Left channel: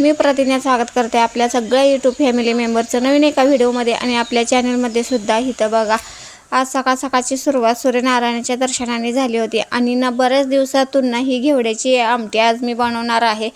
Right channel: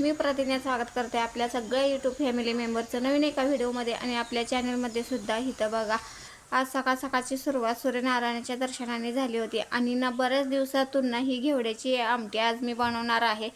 मी प्रतिज्ञा स्वागत करते आपल्या सगळ्या यूट्यूब फॅमिली मेंबरचं नवीन एका व्हिडिओमध्ये आणि आपल्या चॅनलमध्ये सुद्धा. इथं बघा, आज सकाळची सुरुवात सूर्यनारायणाच्या दर्शनाने झाली होती आणि ना बऱ्याच दिवसातून ना ही घेवड्याची आमटी आज मी बनवणार आहे.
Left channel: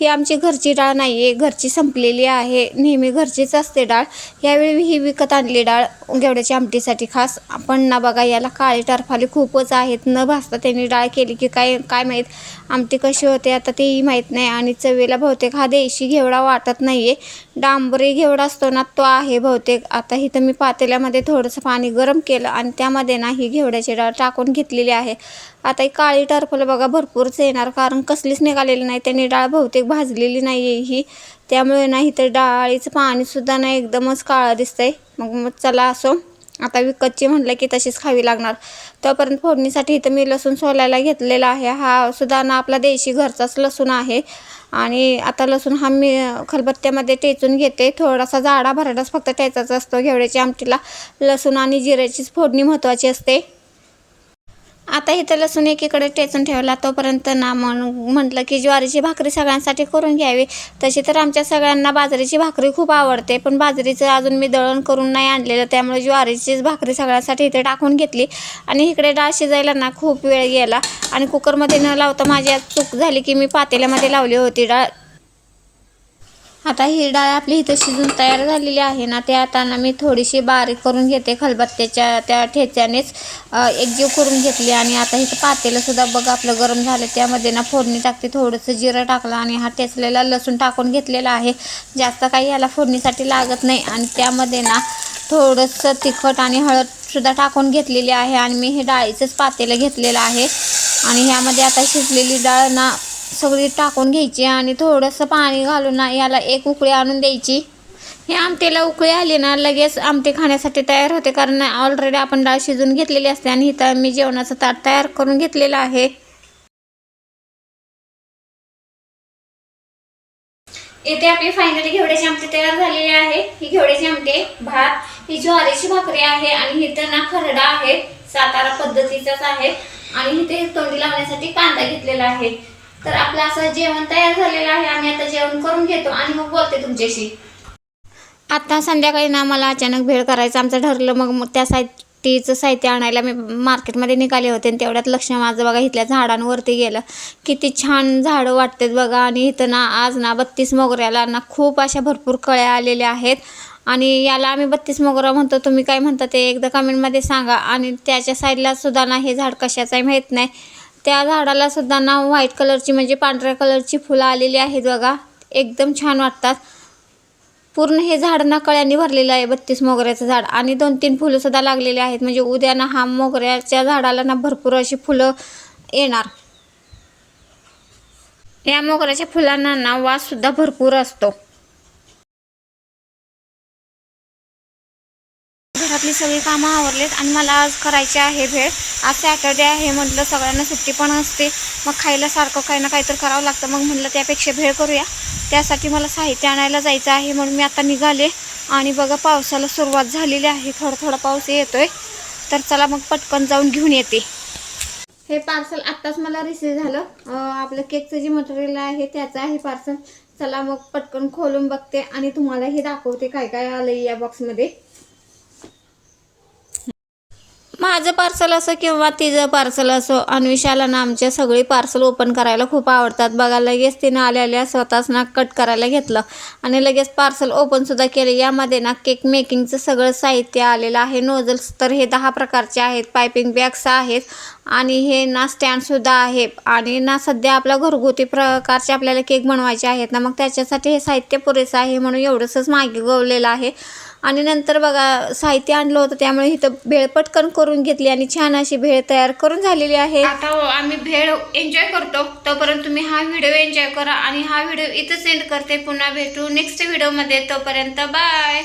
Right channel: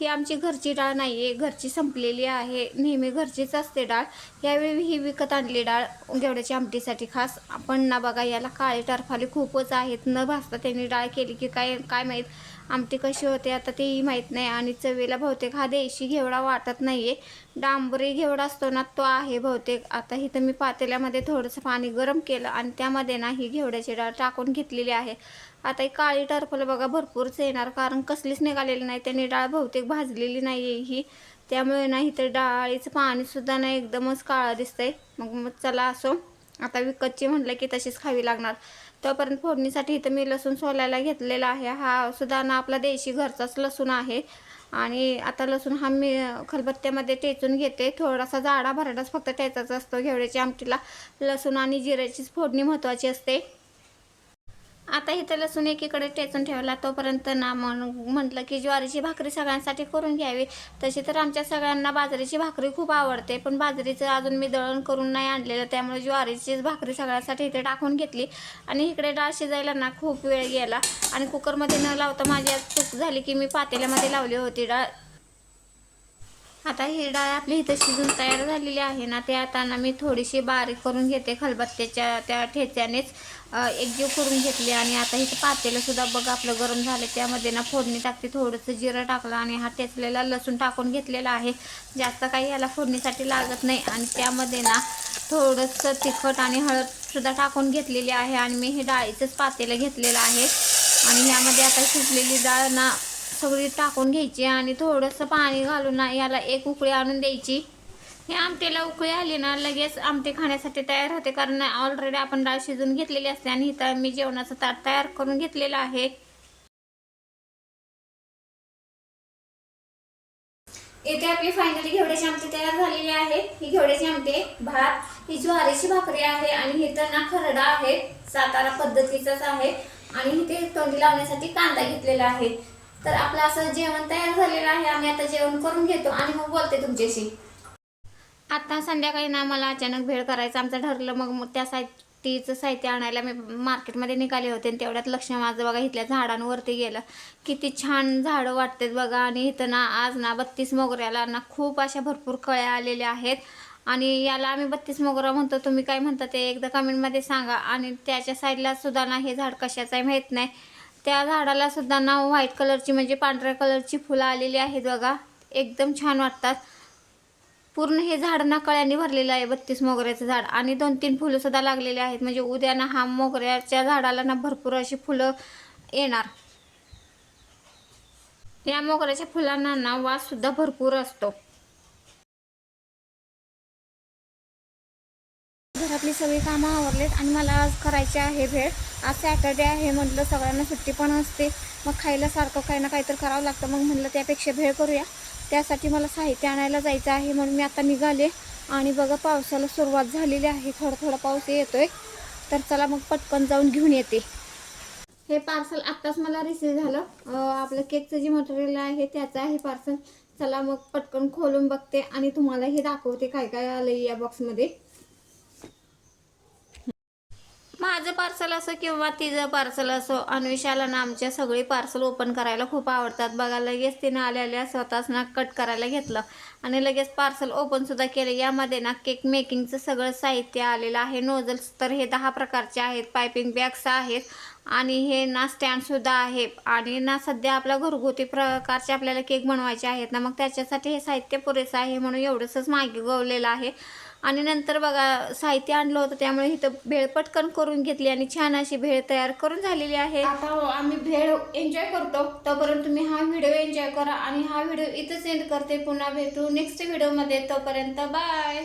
ही आमची घरची डाळ नाही आहे, घरची संपलेली आहे. नेहमी घरचीच असते डाळ, यावेळी ही विकत आणली डाळ घेवड्याची आमटीसाठी खास. पण ना बघा, याला काळी टरफाली खूपच आहेत. न भाजता त्यांनी डाळ केली की काय माहीत आमटी कशी होते आता तेही माहीत नाही. आणि चवीला बहुतेक हा देशी घेवडा वाटत नाही आहे, डांबरी घेवडा असतो ना तो आहे बहुतेक. आता इथं मी पातेल्यामध्ये थोडंसं पाणी गरम केलं आणि त्यामध्ये ना ही घेवड्याची डाळ टाकून घेतलेली आहे. आता ही काळी टरफल बघा भरपूरच येणार, कारण कसलीच निघालेली नाही. त्यांनी डाळ बहुतेक भाजलेली नाही आहे ही, त्यामुळे ना इथं डाळीचं पाणीसुद्धा नाही, एकदमच काळं दिसतंय. मग चला असो, आता विकतची म्हटलं की तशीच खावी लागणार. तोपर्यंत फोडणीसाठी इथं मी लसूण सोलायला घेतलेला आहे. हा सुद्धा ना आपला देशी घरचाच लसूण आहे. आणि आता लसूण हा मी खलबत्त्यामध्ये टेचून घेते. थोडासा जाडा भरडाच फक्त टेचायचा असतो घेवड्याच्या आमटीला. लसूण आणि जिऱ्याचीच फोडणी महत्त्वाची असते. आता इथं लसूण एकीकडे टेचून ठेवला, तोपर्यंत ना म्हटलं की ज्वारीची भाकरी सगळ्यांसाठी करून घ्यावी. तशी तर आमच्या सगळ्यांना बाजरीची भाकरी खूप आवडते, पण बाजरीचं अजून मी दळण करून नाही आणलेलं, त्यामुळे ज्वारीचीच भाकरी सगळ्यांसाठी इथे टाकून घेतली. आणि इकडे डाळ शिजायला ना खूप वेळ गेला आणि कुकरमध्ये न लावता माझी आज चूक झाली की मी पातेल्यामध्ये लावली होती डाळ. आता ही डाळ आपली इथं शिजून तयार झालेली आहे ना, ते आता ना मी थोडीशी बारीक करून घेते खलबत्त्याच्या त्या ठेच्यानेच एकजीव करून घेतली. आणि आता इथं पातेलंसुद्धा बघा आपलं गरम झालं, त्यामध्ये ना फोडणी टाकते. थोडंसं जिरं टाकलं आणि हा ठेचलेला लसूण टाकून घेतलेला आहे. जास्त काही याला फोडणीसाठी लागत नाही. आणि त्यामध्ये ना थोडंसं तिखट आणि हळदसुद्धा टाकून घेतलेली आहे. आणि मी हे डाळीचंच पातेलं घेतलेलं आहे आणि ह्यामध्ये आता शिजलेली डाळ ना सगळी टाकून घ्यायची आणि थोडंसं पाणी घालून ना याला एक उकळी आणून द्यायची. हे आमटीला उकळी आली ना लगेच आमटी खाण्यासाठी तयार होते, कारण ऑलरेडी आपण डाळ शिजून घेतलेली असते. आणि इथं मी जेवणाचं ताट तयार करून घेतलेलं आहे. इथे आपली फायनली घेवड्याची आमटी तयार झालेली आहे. ही घेवड्याची आमटी, भात, ही ज्वारीची भाकरी आहे आणि इथं ना खरडा आहे, सातारा पद्धतीचाच आहे. आणि इथे तोंडी लावण्यासाठी कांदा घेतलेला आहे. तर आपलं असं जेवण तयार झालेलं आहे. आम्ही आता जेवण करून घेतो आणि मग बोलते तुमच्याशी. आता संध्याकाळी ना मला अचानक भेळ करायचं आमचं ठरलं. मग त्यासाठीचं साहित्य आणायला मी मार्केटमध्ये निघाले होते आणि तेवढ्यात लक्ष माझं बघा इथल्या झाडांवरती गेलं. किती छान झाडं वाटतात बघा. आणि इथं ना आज ना 32 मोगऱ्याला ना खूप अशा भरपूर कळ्या आलेल्या आहेत. आणि याला आम्ही 32 मोगरा म्हणतो, तुम्ही काय म्हणता ते एकदा कमेंटमध्ये सांगा. आणि त्याच्या साईडला सुद्धा ना हे झाड कशाचं आहे माहीत नाही, त्या झाडाला सुद्धा ना व्हाईट कलरची म्हणजे पांढऱ्या कलरची फुलं आलेली आहेत बघा, एकदम छान वाटतात. पूर्ण हे झाड ना कळ्यांनी भरलेलं आहे 32 मोगऱ्याचं झाड. आणि 2-3 फुलं सुद्धा लागलेली आहेत, म्हणजे उद्या ना हा मोगऱ्याच्या झाडाला ना भरपूर अशी फुलं येणार. या मोगऱ्याच्या फुलांना ना वास सुद्धा भरपूर असतो. घरातली सगळी कामं आवरलेत आणि मला आज करायचे आहे भेळ. आज सॅटर्डे आहे, म्हटलं सगळ्यांना सुट्टी पण असते, मग खायला सारखं काही ना काहीतरी करावं लागतं. मग म्हटलं त्यापेक्षा भेळ करूया. त्यासाठी मला साहित्य आणायला जायचं आहे, म्हणून मी आता निघाले. आणि बघा पावसाला सुरुवात झालेली आहे, थोडा थोडा पाऊस येतोय. तर चला मग पटकन जाऊन घेऊन येते. हे पार्सल आत्ताच मला रिसीव झालं. आपलं केकचं जे मटेरियल आहे त्याचं आहे पार्सल. चला मग पटकन खोलून बघते आणि तुम्हालाही दाखवते काय काय आलं या बॉक्समध्ये. माझं पार्सल असो किंवा तिचं पार्सल असो, अन्विशाला ना आमच्या सगळी पार्सल ओपन करायला खूप आवडतात बघा. लगेच तिनं आल्या स्वतःच ना कट करायला घेतलं आणि लगेच पार्सल ओपनसुद्धा केलं. यामध्ये ना केक मेकिंगचं सगळं साहित्य आलेलं आहे. नोझल्स तर हे 10 प्रकारचे आहेत, पायपिंग बॅग्स आहेत आणि हे ना स्टँडसुद्धा आहे. आणि ना सध्या आपल्या घरगुती प्रकारचे आपल्याला केक बनवायचे आहेत ना, मग त्याच्यासाठी हे साहित्य पुरेसं आहे, म्हणून एवढंसंच मागवलेलं आहे. आणि नंतर बघा साहित्य आणलं होतं, त्यामुळे इथं भेळ पटकन करून घेतली आणि छान अशी भेळ तयार करून झालेली आहे. आता आम्ही भेळ एन्जॉय करतो, तोपर्यंत तुम्ही हा व्हिडिओ एन्जॉय करा. आणि हा व्हिडिओ इथं सेंड करते. पुन्हा भेटू नेक्स्ट व्हिडिओमध्ये, तोपर्यंत बाय.